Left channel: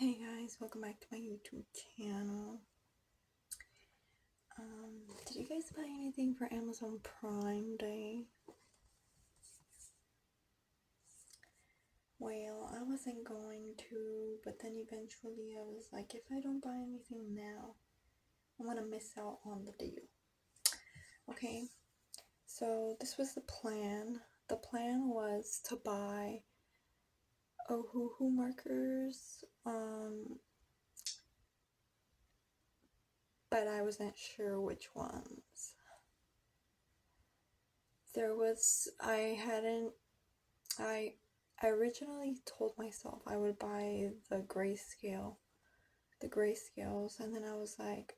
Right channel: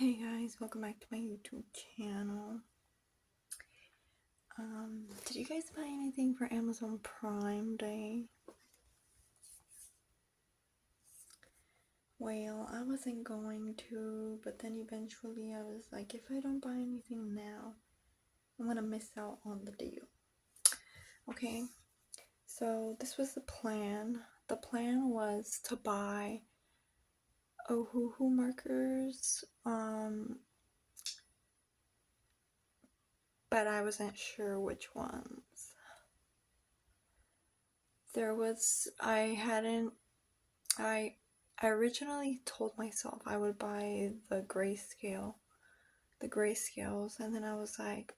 Hey guys, welcome back to my YouTube channel. Did you guys buy anything for Amazon Prime Day? Well, I wasn't going to, but then eventually I was like, if I don't buy anything now, I'm gonna miss out on the deal. Okay, so this was the plan. The plan was to buy Ohuhu markers, but I wasn't sure which ones. I originally told myself I would buy the grayscales, and then I was like,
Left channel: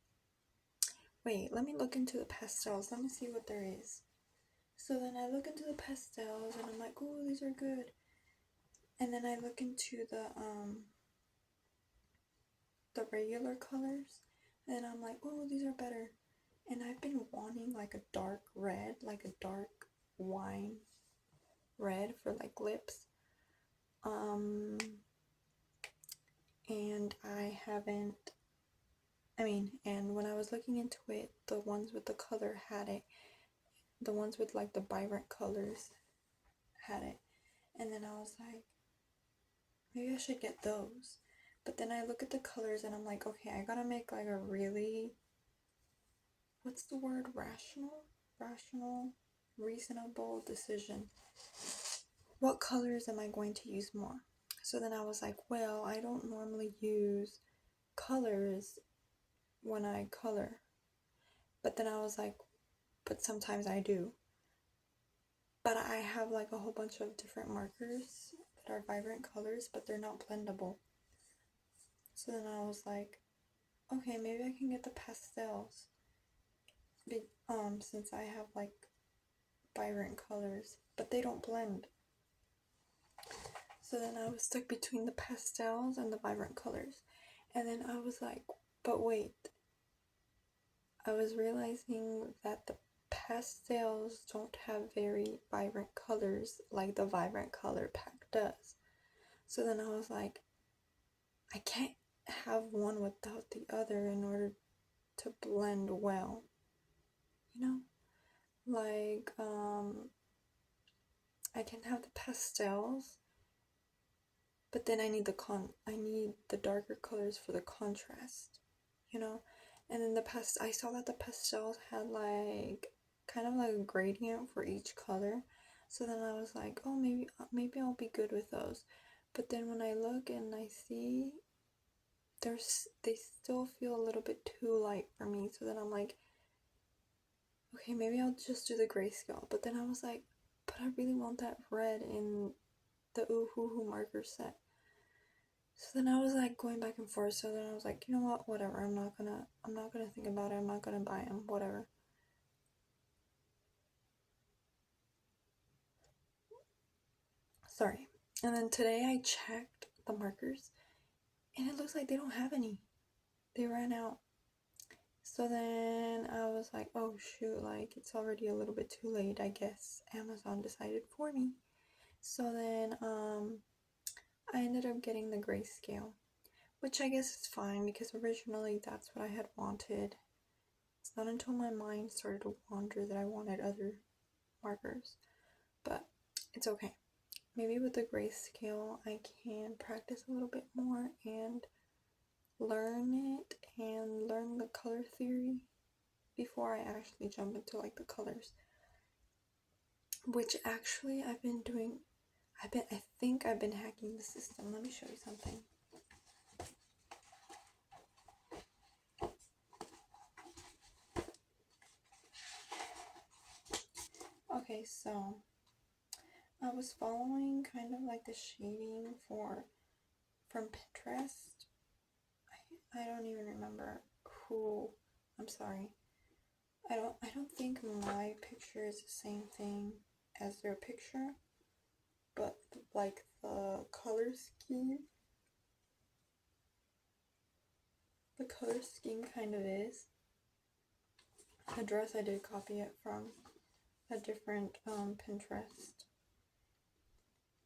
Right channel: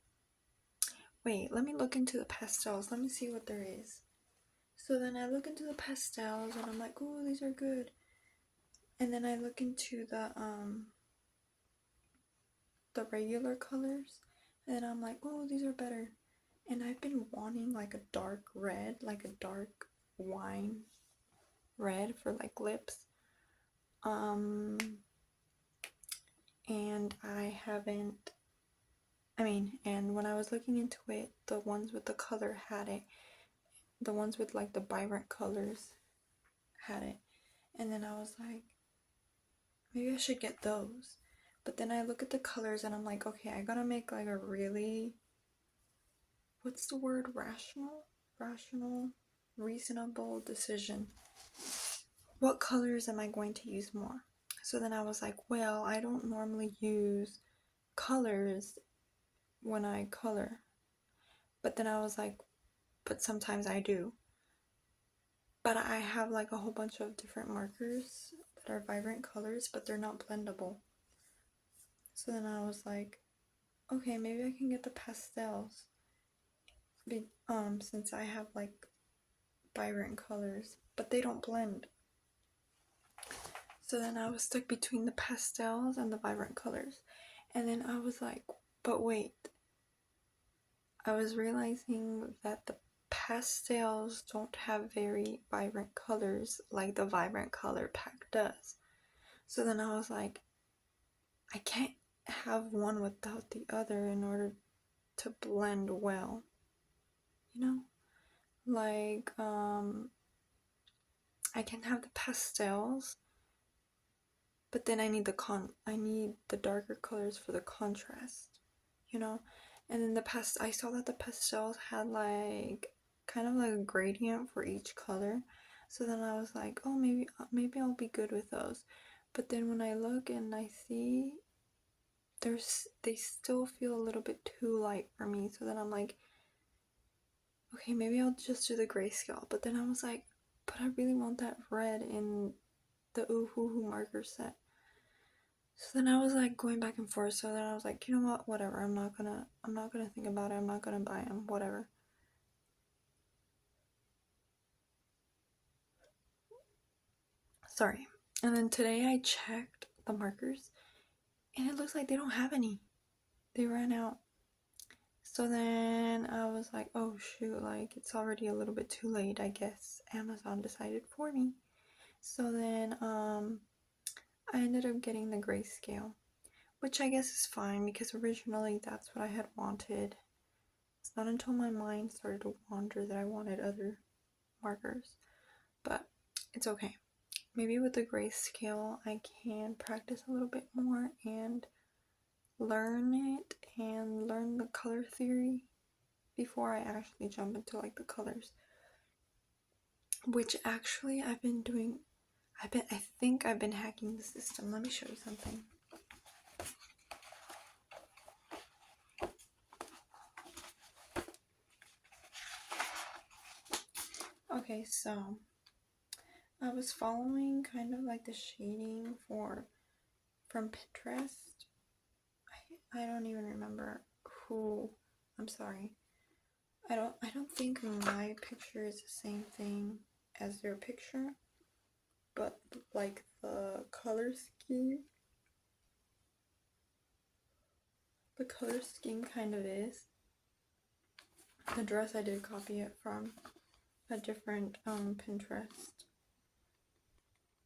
wait, let me look into the pastels, let me see what there is. So then I look into the pastels and I'm like, oh, these are good. And then I look into the regular colors and I'm like, oh, these are better. And I've been wanting like a dark red, like a dark wine red for like lips. And I haven't, and when I was looking into it, the ones with the color had it. The ones with like the vibrant colors had it. And then I was like, maybe I should get those. But then I look at the colors and I'm like, okay, I gotta make like a really, what's the word, reasonable decision. What colors am I going to use more? So then I was like, well, I don't normally use colors when I color. But then I was like, but sometimes I do. But I have like a whole bunch of different markers that are vibrant colors, but they're not blendable. So then I was like, okay, maybe I can get the pastels. Since I have like vibrant colors, but they don't blend. So then I was stuck between the pastels and the vibrant colors. And then I was like, but wait. I was realizing that the pastels don't have very vibrant colors like the vibrant color pack does. So then I was like, I can't have one without the other in order to blend well. You know? Like, I can have the pastels, but then I need the darker colors for the contrast, you know? And then I saw that the pastels had like kind of like a gradient for each color. So then I was like, oh, maybe I'll be good with those. But then when I look and I see they still feel a little bit too light for me. So then I'm like, okay, maybe I'll just do the grayscale. But then I was like, but I really want that red in the Ohuhu marker set. So then I was like going back and forth. So then I was like, you know what, whatever, I'm not gonna think about it, I'm not gonna buy them, whatever. Sorry. And then today I checked the markers and it looks like they don't have any. They ran out. So then I was like, oh shoot, like it's already a little bit too late, I guess Amazon decided for me. So then I ended up getting the grayscale, which I guess is fine because originally that's what I had wanted. It's not until my mind started to wander that I wanted other markers, but it's okay. Maybe with the grayscale I can practice a little bit more and learn it and learn the color theory before I actually jump into like the colors, which actually I've been doing. I think I've been hacking the system. Let me show you something. Okay, so I was following kind of like the shading from Pinterest. I don't even remember who. I'm sorry. I don't think my picture is the same thing as their picture, but like the color scheme kind of is. The dress, I did copy it from a different Pinterest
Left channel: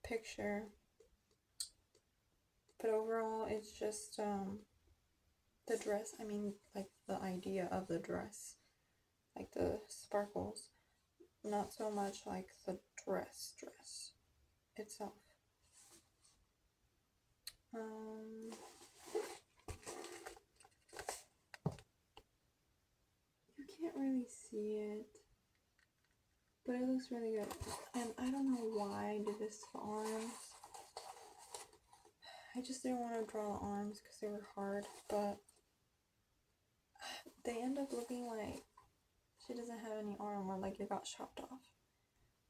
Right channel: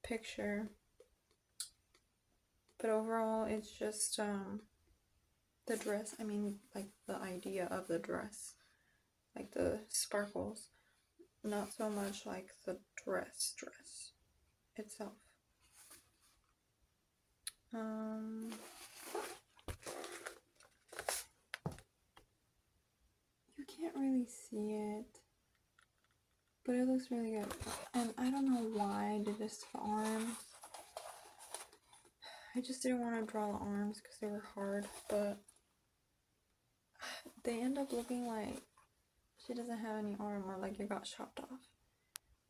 picture. But overall, it's just the dress. I mean, like the idea of the dress, like the sparkles. Not so much like the dress itself. You can't really see it, but it looks really good. And I don't know why I did this for arms. I just didn't want to draw the arms because they were hard, but they end up looking like she doesn't have any arm, or like it got chopped off,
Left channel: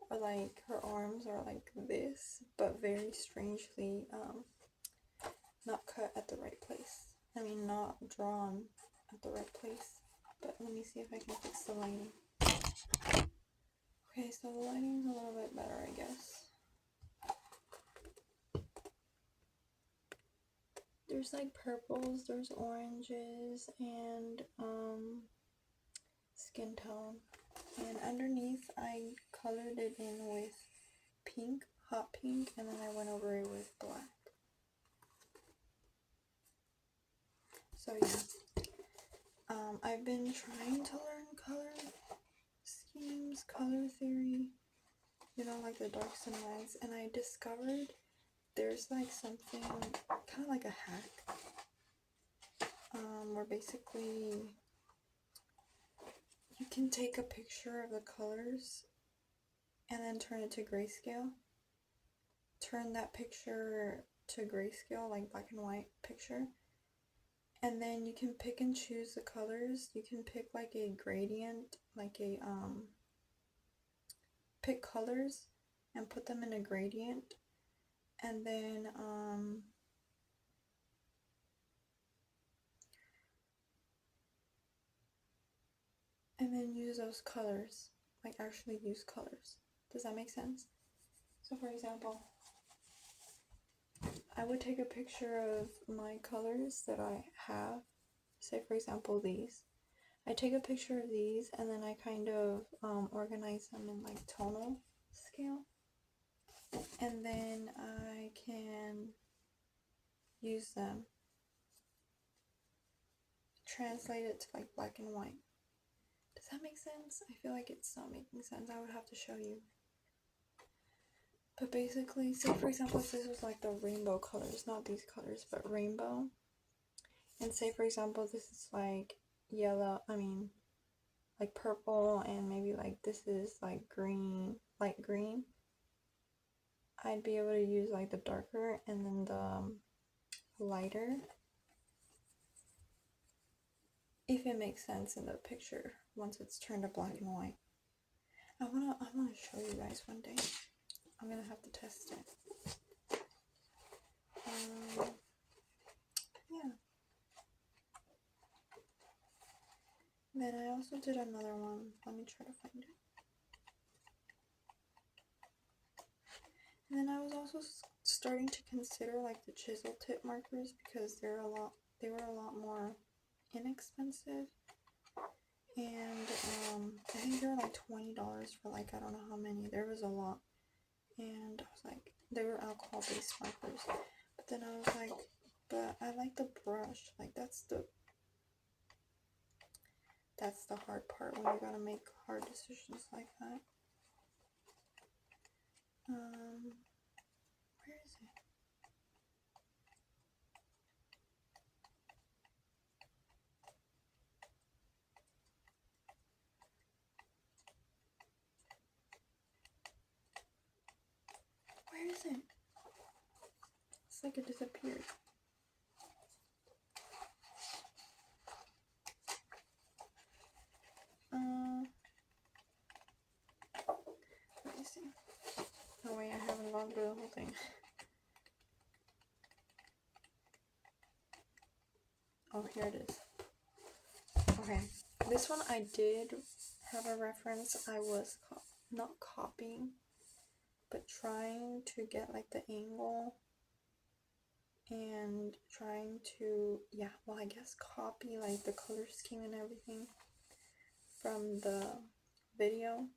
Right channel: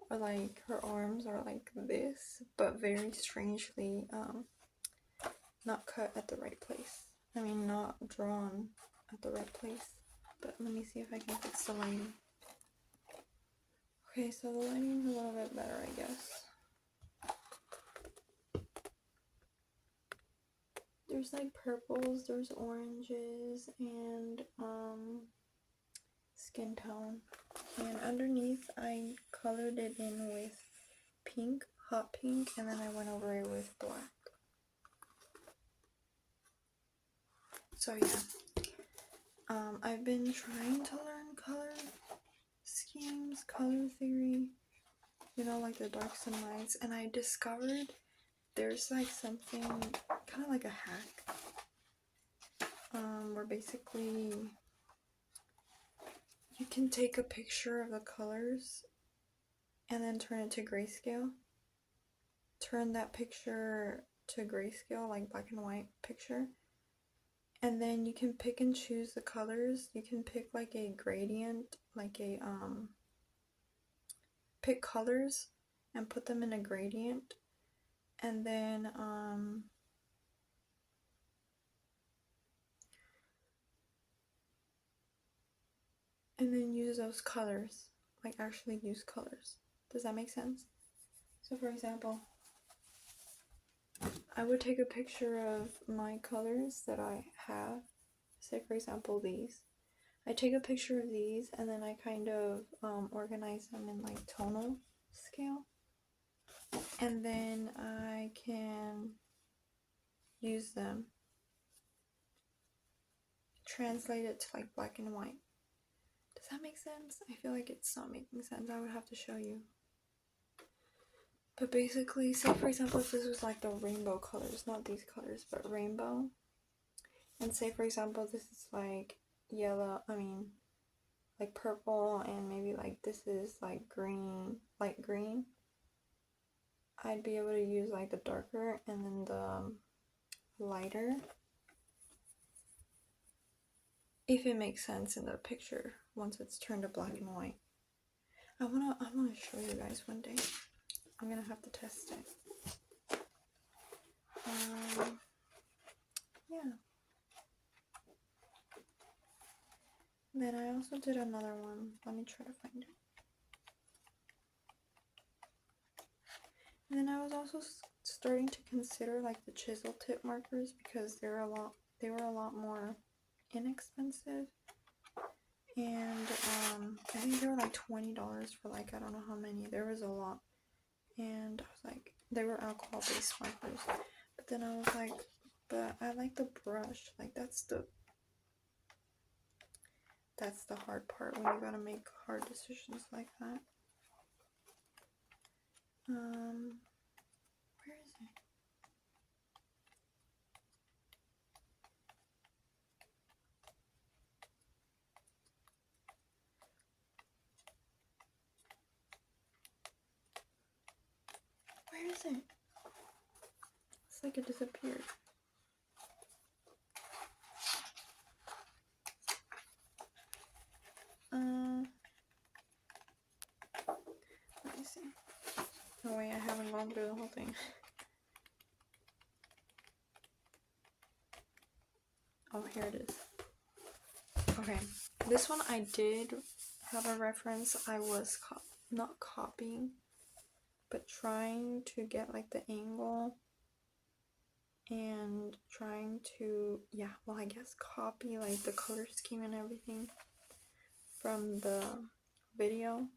or like her arms are like this, but very strangely not cut at the right place. I mean, not drawn at the right place. But let me see if I can fix the lighting. Okay, so the lighting's a little bit better, I guess. There's like purples, there's oranges, and skin tone. And underneath, I colored it in with pink, hot pink, and then I went over it with black. So yeah, I've been trying to learn color schemes, color theory, you know, like the darks and lights, and I discovered there's like something kind of like a hack, where basically you can take a picture of the colors and then turn it to grayscale. Turn that picture to grayscale, like black and white picture, and then you can pick and choose the colors. You can pick like a gradient, like a pick colors and put them in a gradient, and then use those colors, like actually use colors. Does that make sense? So for example, I would take a picture of my colors that I have, say for example these. I take a picture of these and then I kind of organize them in like tonal scale, and then I can use them, translate it to like black and white. Does that make sense? I feel like it's not making sense. I would have to show you. But basically, say for example if this was like the rainbow colors, not these colors, but rainbow, and say for example this is like yellow, like purple, and maybe like this is like green, light green, I'd be able to use like the darker and then the lighter, if it makes sense in the picture once it's turned to black and white. I wanna show you guys one day. I'm gonna have to test it. Yeah. Then I also did another one. Let me try to find it. And then I was also starting to consider like the chisel tip markers, because they were a lot more inexpensive, and I think they were like $20 for like I don't know how many. There was a lot, and I was like, they were alcohol based markers, but then I was like, but I like the brush, like that's the hard part when you gotta make hard decisions like that. Where is it? Where is it? It's like it disappeared. Let me see. Oh wait, I haven't gone through the whole thing. Oh, here it is. Okay, this one I did have a reference. I was not copying, but trying to get like the angle and trying to, yeah, well, I guess copy like the color scheme and everything from the video.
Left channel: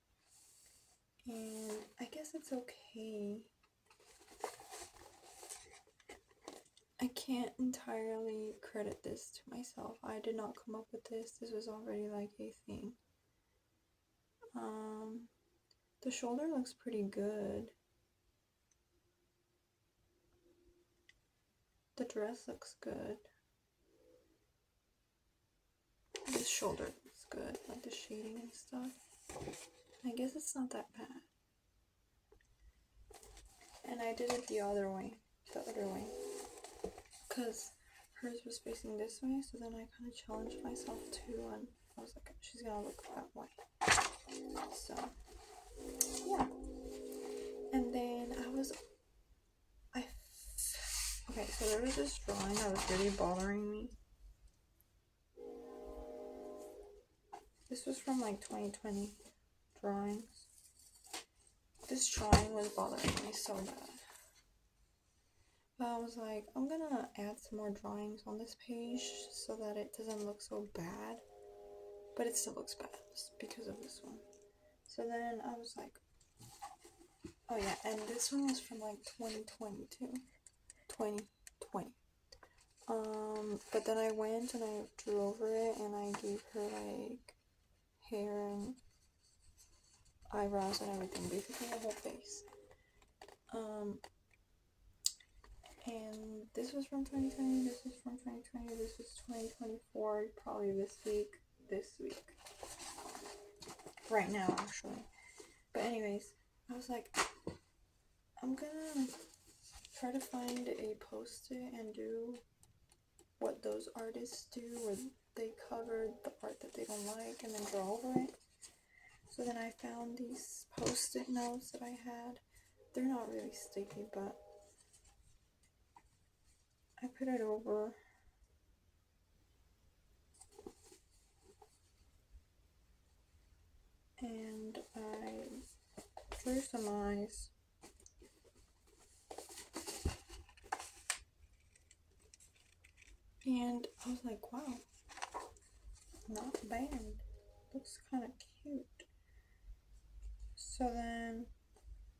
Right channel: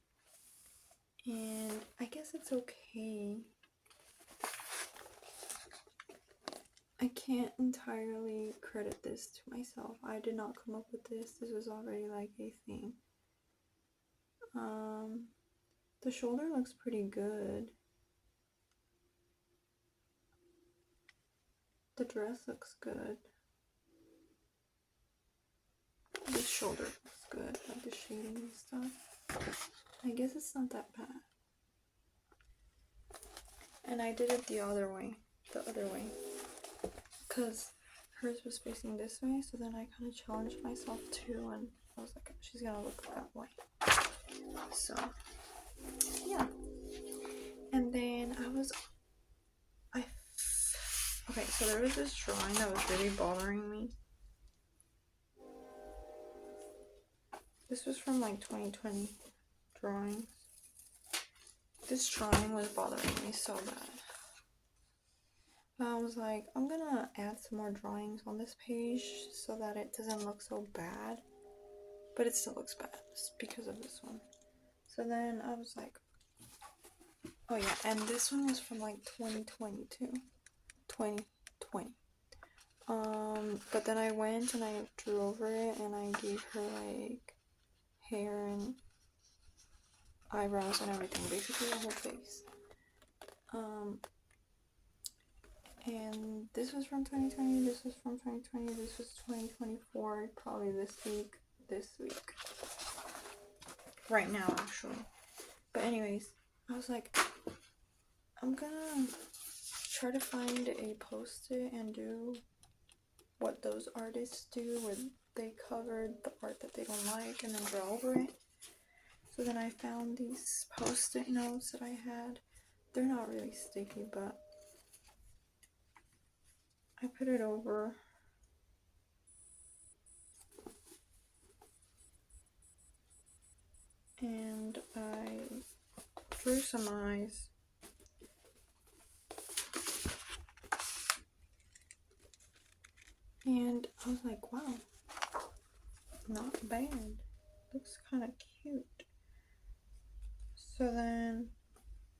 And I guess it's okay. I can't entirely credit this to myself. I did not come up with this. This was already like a thing. The shoulder looks pretty good. The dress looks good. The shoulder looks good, like the shading and stuff. I guess it's not that bad. And I did it the other way. Because hers was facing this way, so then I kind of challenged myself too, and I was like, she's gonna look that way. So, yeah. And then okay, so there was this drawing that was really bothering me. This was from like 2020 drawings. This drawing was bothering me so bad. I was like, I'm gonna add some more drawings on this page so that it doesn't look so bad. But it still looks bad just because of this one. So then I was like, oh yeah, and this one was from like 2022. 2020. But then I went and I drew over it and I gave her like hair and eyebrows and everything, basically the whole face. And this was from 2020, this was from 2020, this was 2024, probably this week. Right now, actually. But anyways, I was like, I'm gonna try to find a post-it and do what those artists do when they cover the art that they don't like and then draw over it. So then I found these post-it notes that I had. They're not really sticky, but I put it over. And I drew some eyes. And I was like, wow, not bad. Looks kind of cute. So then,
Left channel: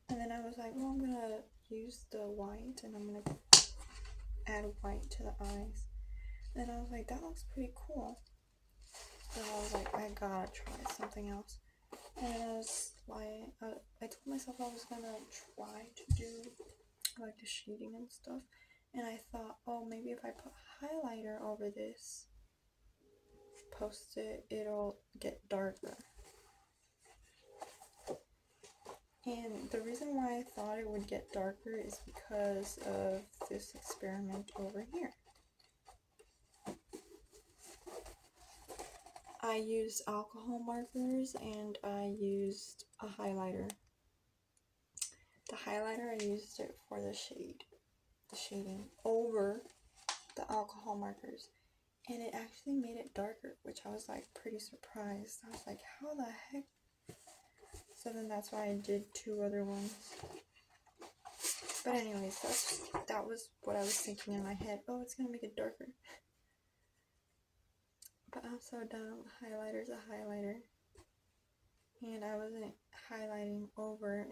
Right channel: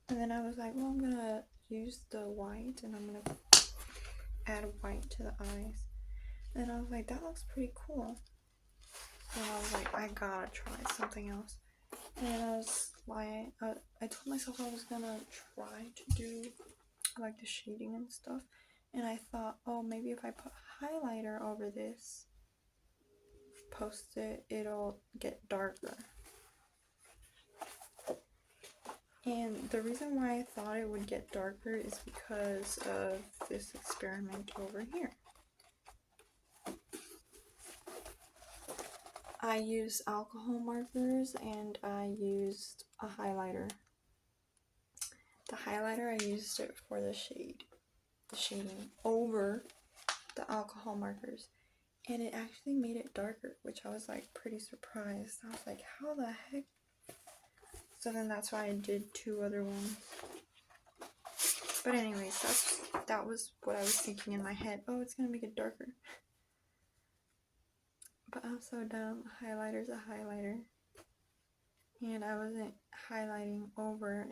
and then I was like, well, I'm gonna use the white and I'm gonna add white to the eyes. And I was like, that looks pretty cool. So I was like, I gotta try something else. And I told myself I was gonna try to do like the shading and stuff. And I thought, oh, maybe if I put highlighter over this post-it, it'll get darker. And the reason why I thought it would get darker is because of this experiment over here. I used alcohol markers and I used a highlighter. The highlighter, I used it for the shading over the alcohol markers. And it actually made it darker, which I was like pretty surprised. I was like, how the heck? So then that's why I did two other ones. But anyways, that was what I was thinking in my head. Oh, it's gonna make it darker. But upside down, highlighter's a highlighter. And I wasn't highlighting over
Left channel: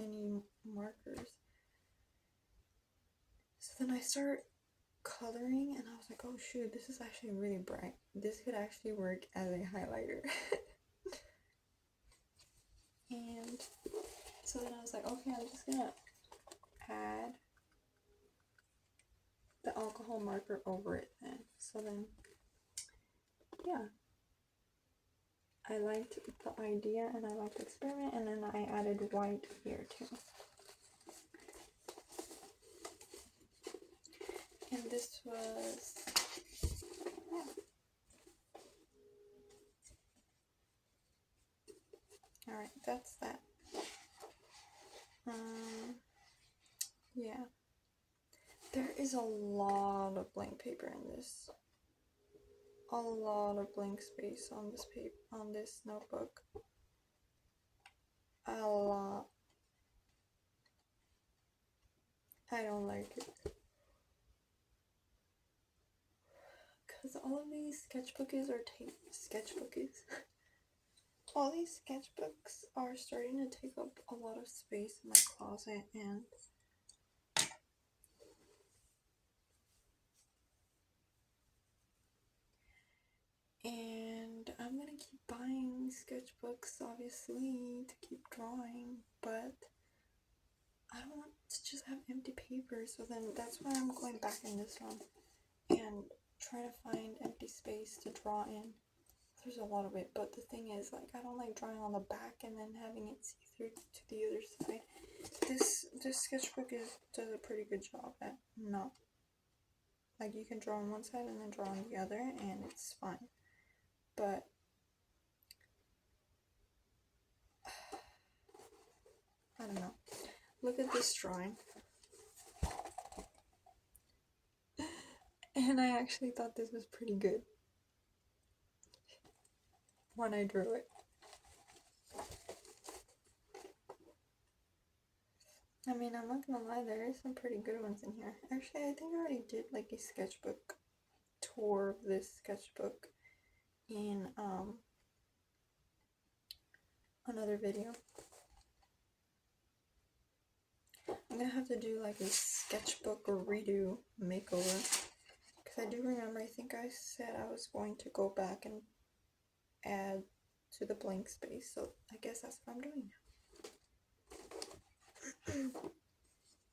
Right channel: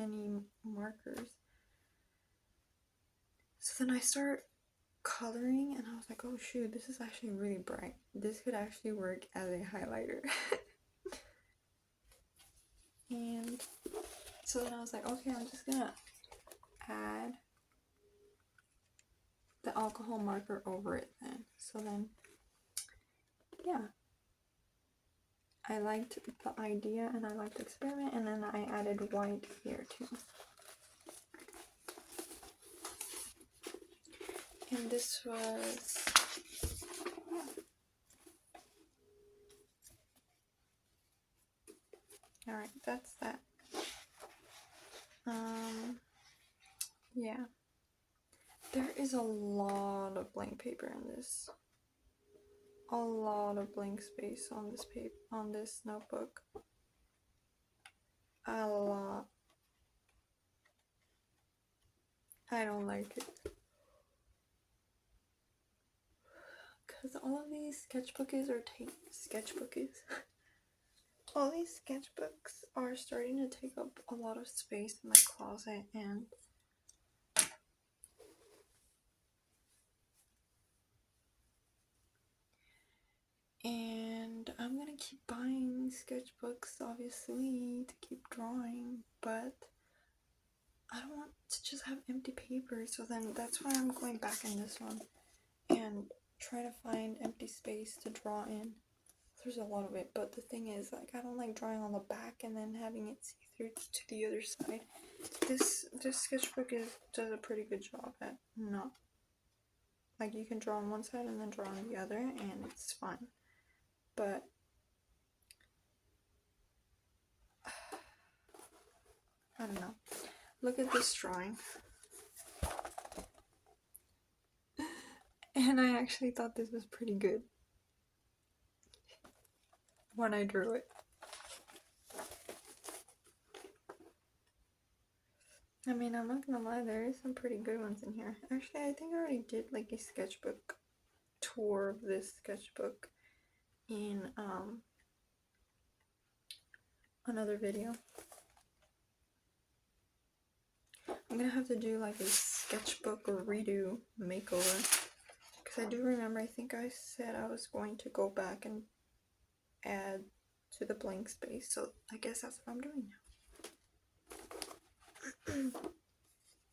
any markers. So then I start coloring and I was like, oh shoot, this is actually really bright. This could actually work as a highlighter. And so then I was like, okay, I'm just gonna add the alcohol marker over it then. So then, yeah, I liked the idea and I liked the experiment, and then I added white here too. And this was, yeah. Alright, that's that. Yeah. There is a lot of blank paper in this. A lot of blank space on this on this notebook. A lot. I don't like it. Because all of these sketchbooks all these sketchbooks are starting to take up a lot of space in my closet, and sketchbooks, obviously, to keep drawing, but I don't want to just have empty paper, so then that's why I'm going back in this one and trying to find empty space to draw in. There's a lot of it, but the thing is, like, I don't like drawing on the back and then having it see through to the other side. This sketchbook does a pretty good job at not, like, you can draw on one side and then draw on the other, and it's fine. But I don't know. Look at this drawing. And I actually thought this was pretty good when I drew it. I mean, I'm not gonna lie, there are some pretty good ones in here. Actually, I think I already did like a sketchbook tour of this sketchbook in another video. I'm gonna have to do like a sketchbook redo makeover, because I do remember, I think I said I was going to go back and add to the blank space, so I guess that's what I'm doing now.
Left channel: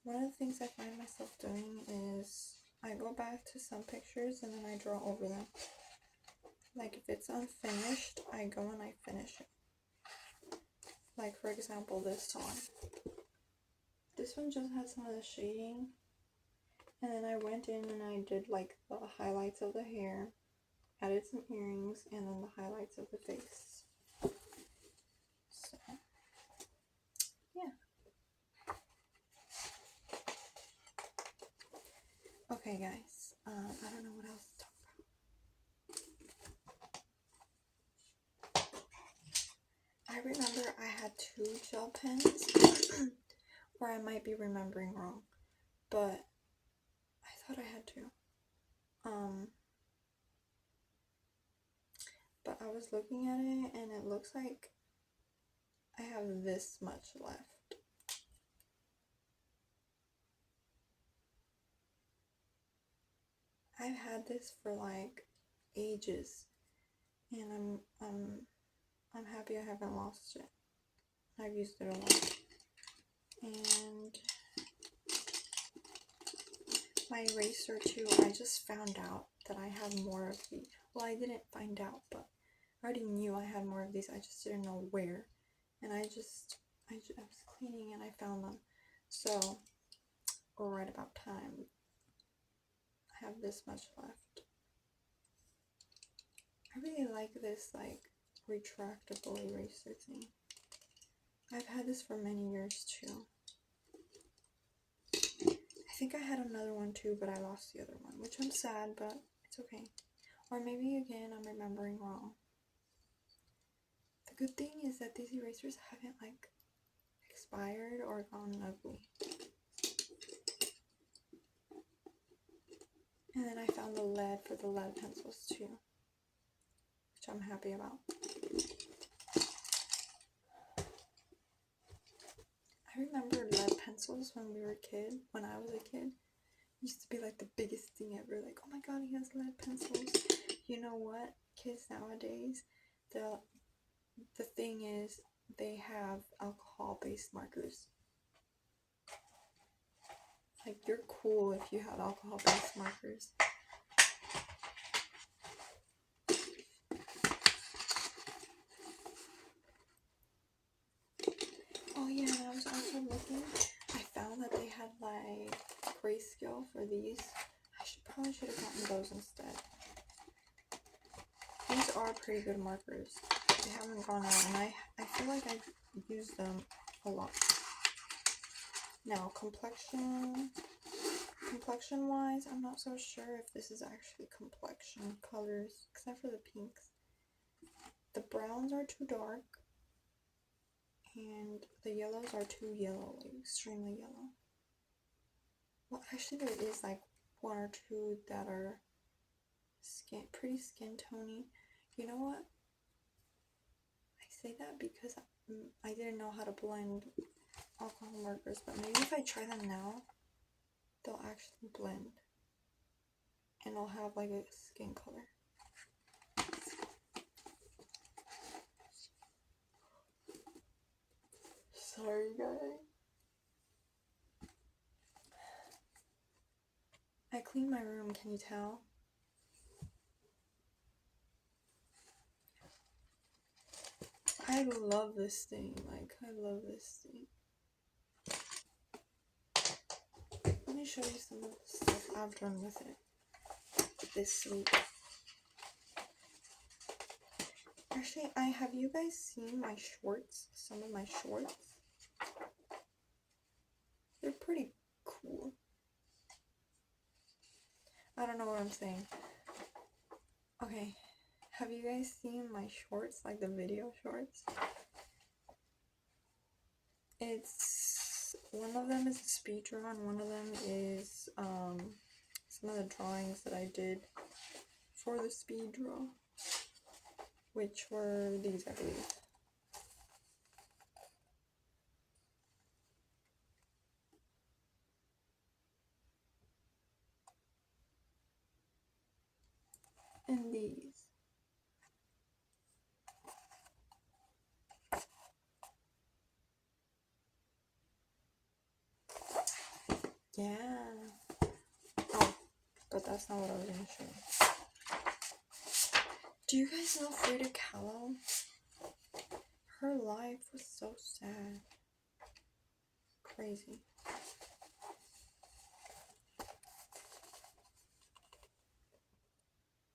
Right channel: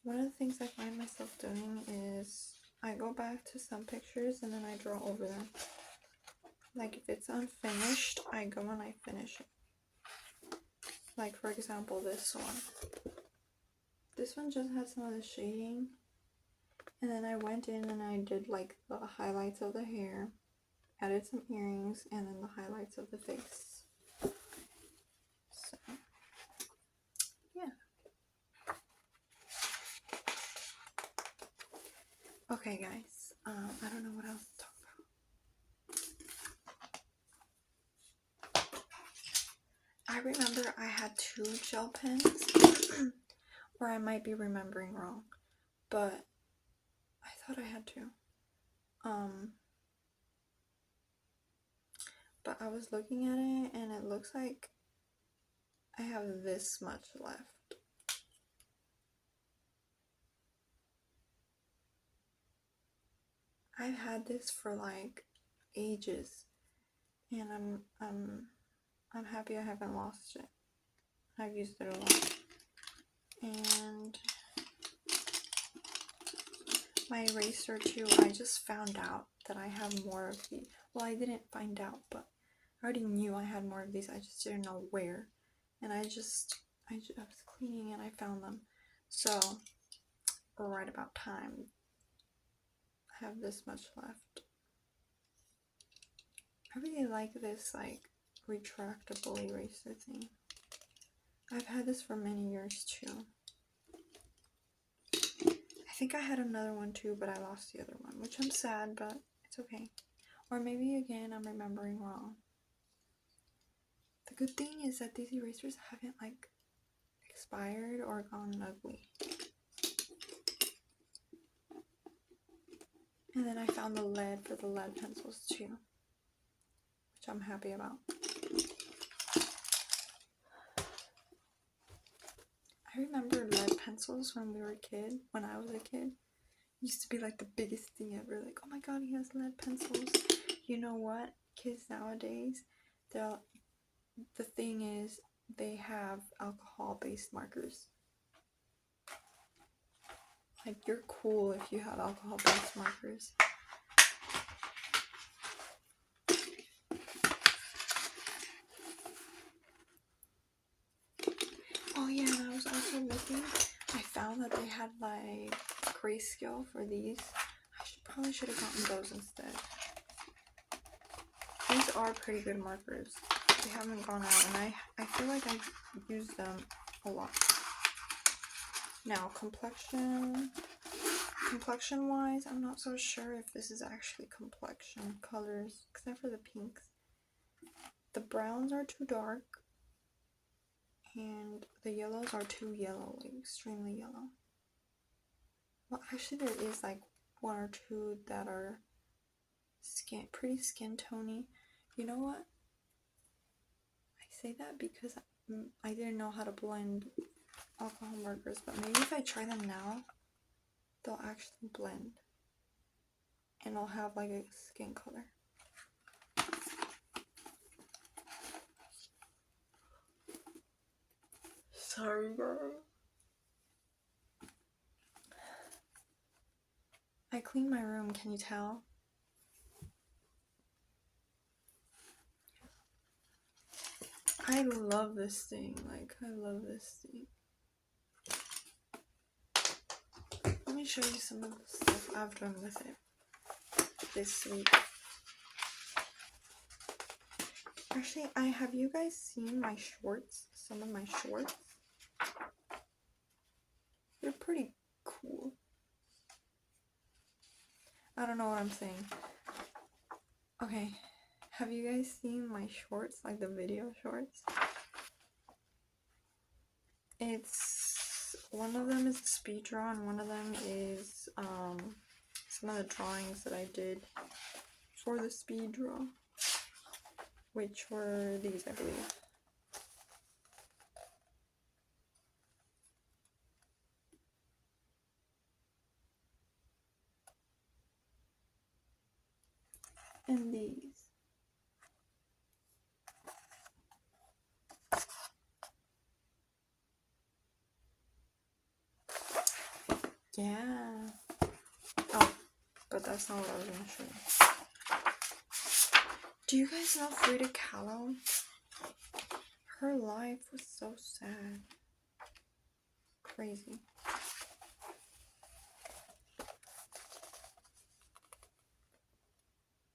One of the things I find myself doing is I go back to some pictures and then I draw over them. Like if it's unfinished, I go and I finish it. Like for example, this one. This one just had some of the shading, and then I went in and I did like the highlights of the hair, added some earrings, and then the highlights of the face. So, yeah. Okay, guys. I don't know what else to talk about. I remember I had 2 gel pens, or I might be remembering wrong, but I thought I had 2. But I was looking at it and it looks like I have this much left. I've had this for like ages, and I'm happy I haven't lost it. I've used it a lot. And my eraser too, I just found out that I have more of these. Well, I didn't find out, but I already knew I had more of these. I just didn't know where. And I was cleaning and I found them. So, right about time. I have this much left. I really like this, like, retractable eraser thing. I've had this for many years too. I think I had another one too, but I lost the other one, which I'm sad, but it's okay. Or maybe again, I'm remembering wrong. The good thing is that these erasers haven't like expired or gone ugly. And then I found the lead for the lead pencils too, which I'm happy about. I remember lead pencils when I was a kid. It used to be like the biggest thing ever. Like, oh my god, he has lead pencils. You know what? Kids nowadays, the thing is, they have alcohol-based markers. Like, you're cool if you have alcohol-based markers. Oh yeah, and I was also looking. I found that they had like grayscale for these. I probably should have gotten those instead. These are pretty good markers. They haven't gone out, and I feel like I've used them a lot. Now, complexion-wise, I'm not so sure if this is actually complexion colors, except for the pinks. The browns are too dark, and the yellows are too yellow, like extremely yellow. Well, actually, there is like 1 or 2 that are pretty skin tony. You know what? I say that because I didn't know how to blend alcohol markers, but maybe if I try them now, they'll actually blend, and I'll have like a skin color. Sorry, girl. I cleaned my room, can you tell? I love this thing. Like, I love this thing. Let me show you some of the stuff I've done with it this week. Actually, have you guys seen my shorts? Some of my shorts? They're pretty cool. I don't know what I'm saying. Okay, have you guys seen my shorts, like the video shorts? One of them is a speed draw, and one of them is some of the drawings that I did for the speed draw, which were these, I believe. And these. Yeah. Oh, but that's not what I was gonna show you. Do you guys know Frida Kahlo? Her life was so sad. Crazy.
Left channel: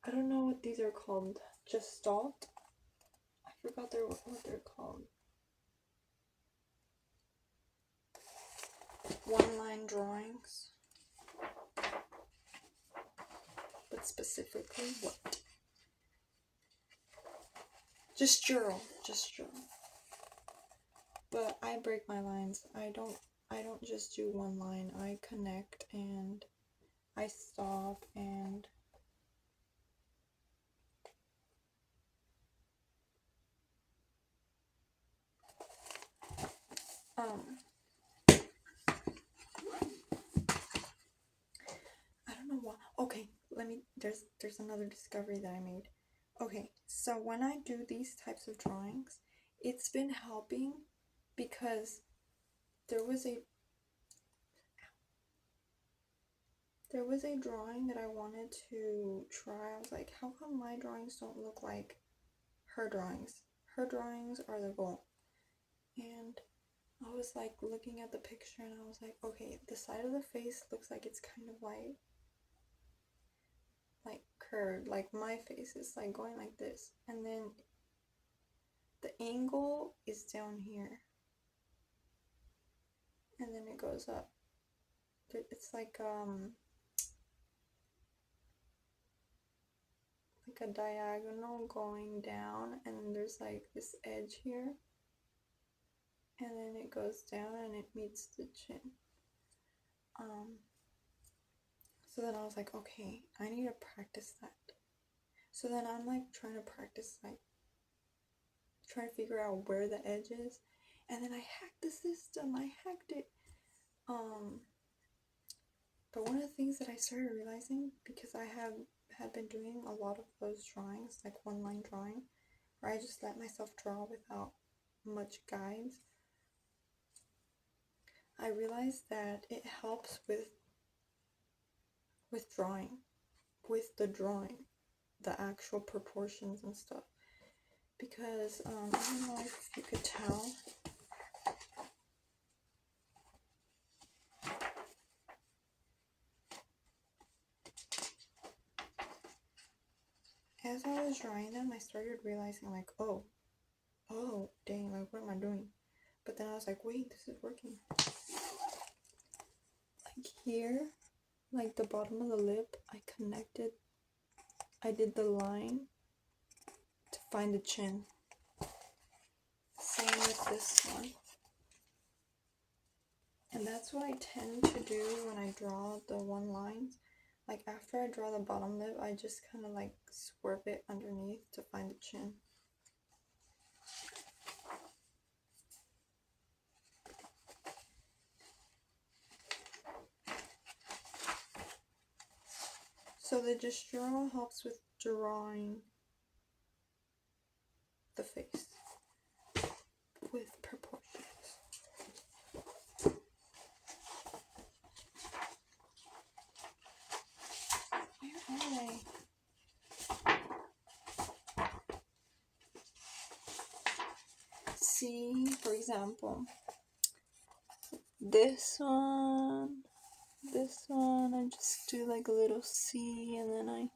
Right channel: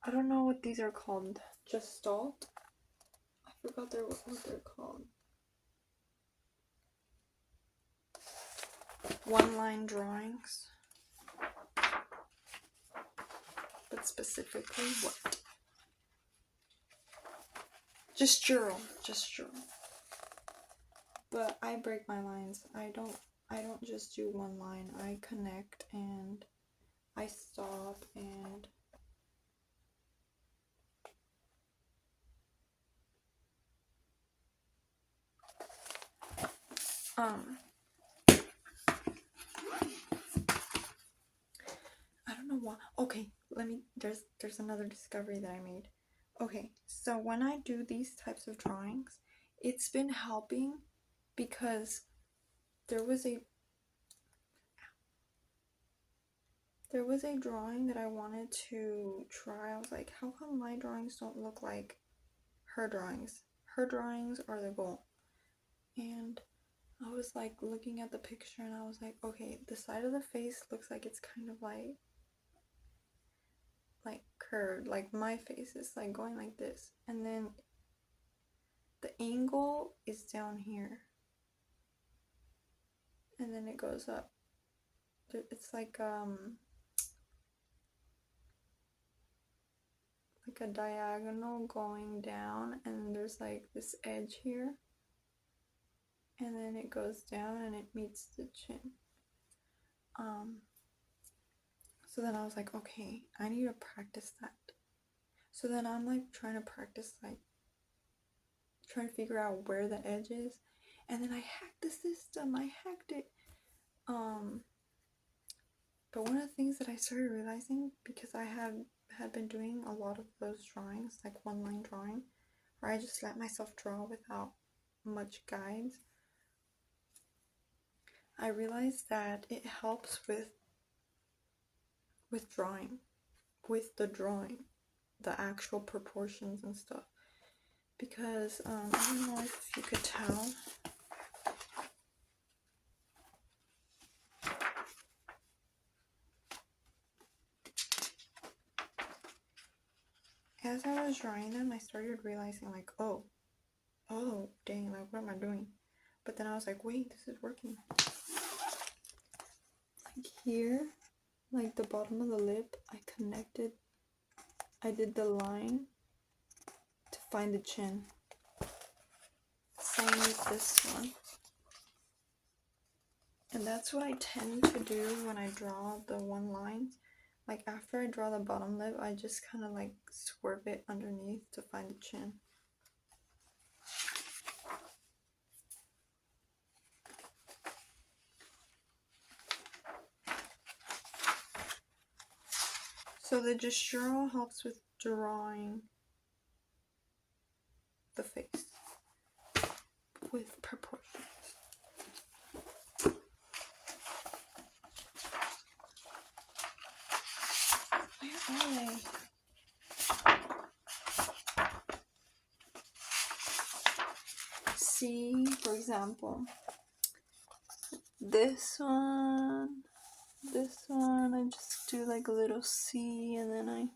I don't know what these are called. Gestalt? I forgot what they're called. One-line drawings. But specifically what? Just journal. But I break my lines. I don't just do one line. I connect and I stop and I don't know why. Okay, there's another discovery that I made. Okay, so when I do these types of drawings, it's been helping because there was a drawing that I wanted to try. I was like, how come my drawings don't look like her drawings? Her drawings are the goal. And I was like looking at the picture and I was like, okay, the side of the face looks like it's kind of like curved, like my face is like going like this, and then the angle is down here and then it goes up. It's like a diagonal going down, and there's like this edge here, and then it goes down and it meets the chin. So then I was like, okay, I need to practice that. So then I'm like trying to practice, like trying to figure out where the edge is, and then I hacked the system. I hacked it. But one of the things that I started realizing, because I had been doing a lot of those drawings, like one line drawing, where I just let myself draw without much guides, I realized that it helps with drawing, with the drawing, the actual proportions and stuff. Because I don't know if you could tell, as I was drawing them, I started realizing like, oh dang, like what am I doing? But then I was like, wait, this is working. Like here, like the bottom of the lip, I did the line to find the chin. Same with this one. And that's what I tend to do when I draw the one lines. Like after I draw the bottom lip, I just kind of like swerve it underneath to find the chin. So the gestural helps with drawing the face with proportions. example, this one, I just do like a little C and then I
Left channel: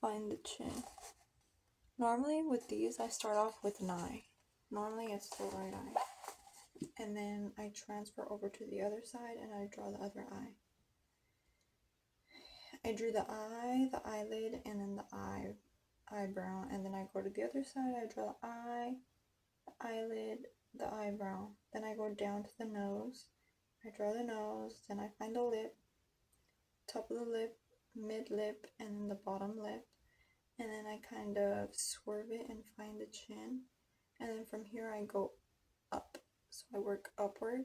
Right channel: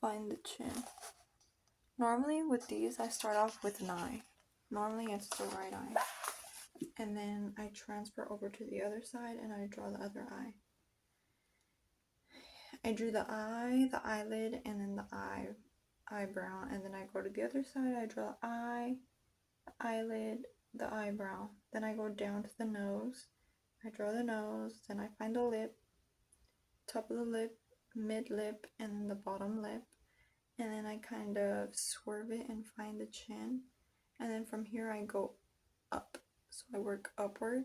find the chin. Normally with these, I start off with an eye. Normally it's the right eye. And then I transfer over to the other side and I draw the other eye. I drew the eye, the eyelid, and then the eyebrow. And then I go to the other side, I draw the eye, the eyelid, the eyebrow. Then I go down to the nose. I draw the nose, then I find the lip, top of the lip, mid lip, and then the bottom lip. And then I kind of swerve it and find the chin. And then from here I go up. So I work upward.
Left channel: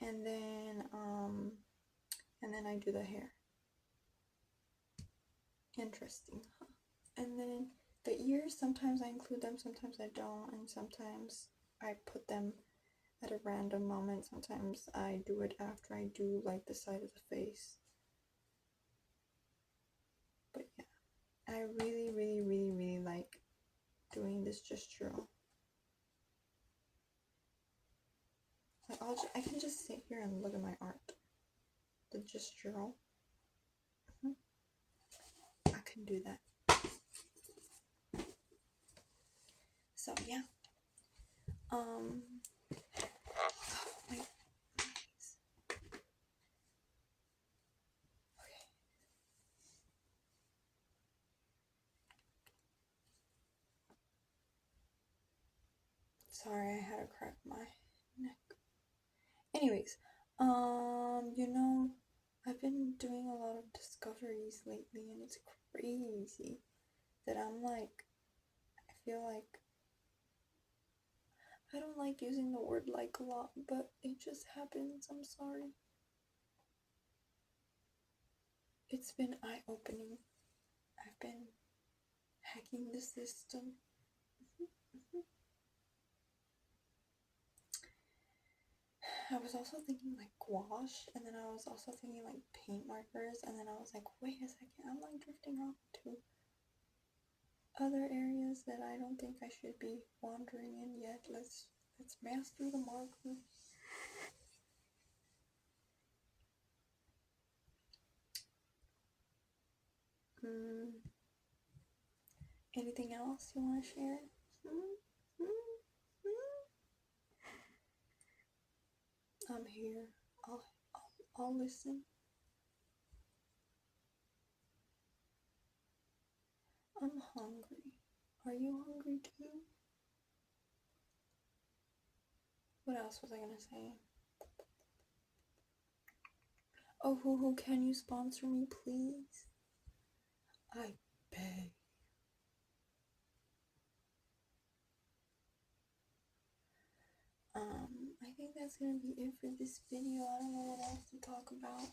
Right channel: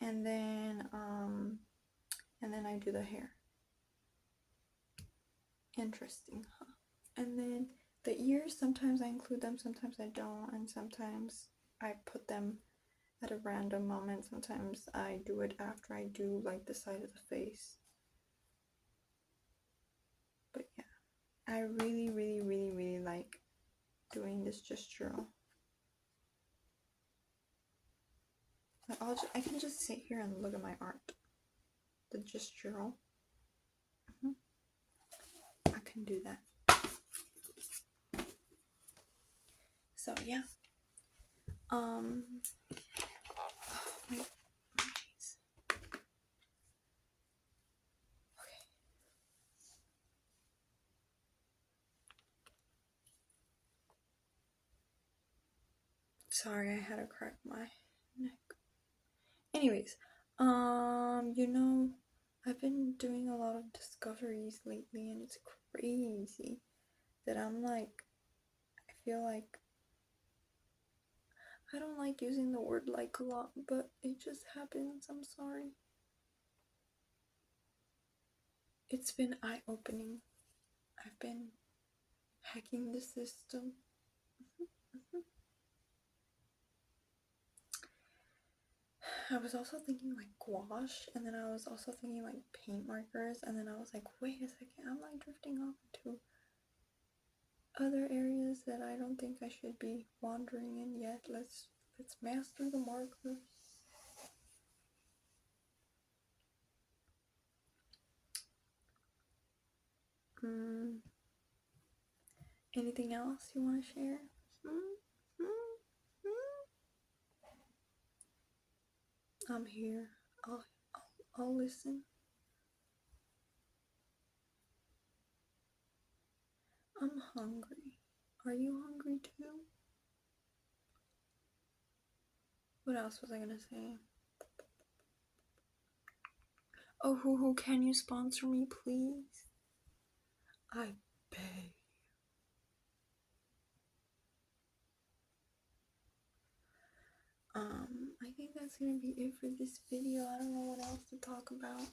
And then I do the hair. Interesting, huh? And then the ears, sometimes I include them, sometimes I don't, and sometimes I put them at a random moment. Sometimes I do it after I do like the side of the face. But yeah, I really like doing this gestural. I can just sit here and look at my art. The gestural. I can do that. So yeah. Wait. Okay. Sorry, I had to crack my neck. Anyways, you know, I've been doing a lot of discoveries lately, and it's crazy that I'm like, I feel like I don't like using the word like a lot, but it just happens. I'm sorry. It's been eye-opening. I've been hacking the system. I was also thinking like gouache, and then I was also thinking like paint markers, and then I was like, wait a second, I'm like drifting off to other areas that I don't think I should be wandering in yet. Let's master the markers. Anything else you want to share? I'm here. I'll listen. I'm hungry. Are you hungry too? What else was I gonna say? Oh, who can you sponsor me, please? I beg. I think that's gonna be it for this video. I don't know what else to talk about.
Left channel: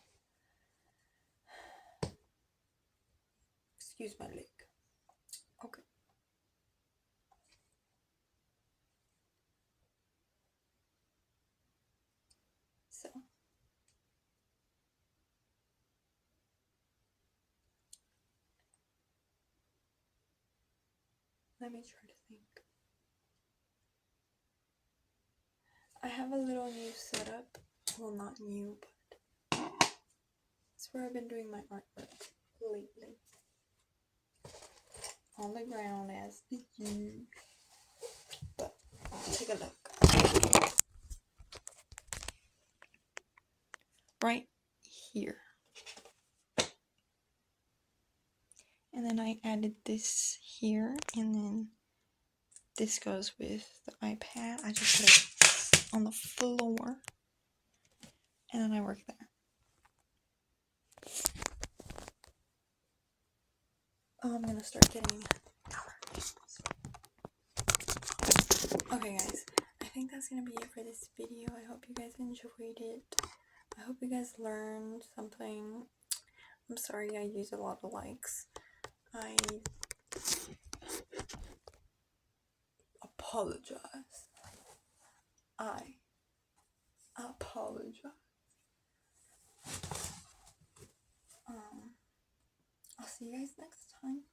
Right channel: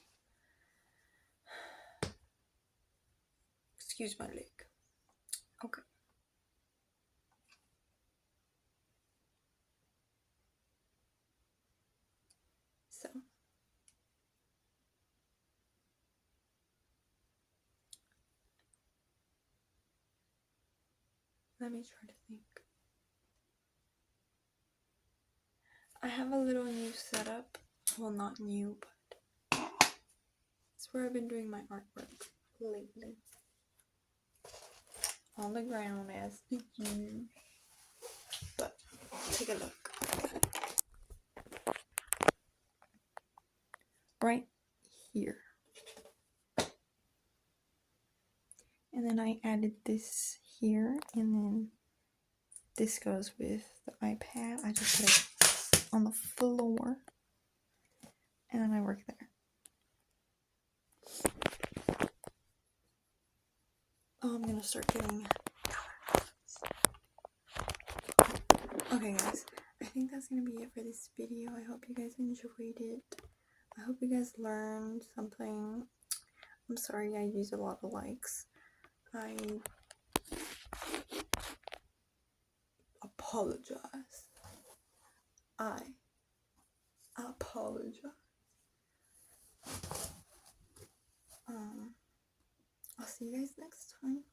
Excuse my leg. Okay. So, let me try to think. I have a little new setup. Well, not new, but it's where I've been doing my artwork lately. On the ground as the usual. But take a look. Right here. And then I added this here, and then this goes with the iPad. I just put it on the floor, and then I work there. Oh, I'm gonna start getting colors. Okay, guys, I think that's gonna be it for this video. I hope you guys enjoyed it. I hope you guys learned something. I'm sorry I use a lot of likes. I apologize. I apologize. I'll see you guys next time.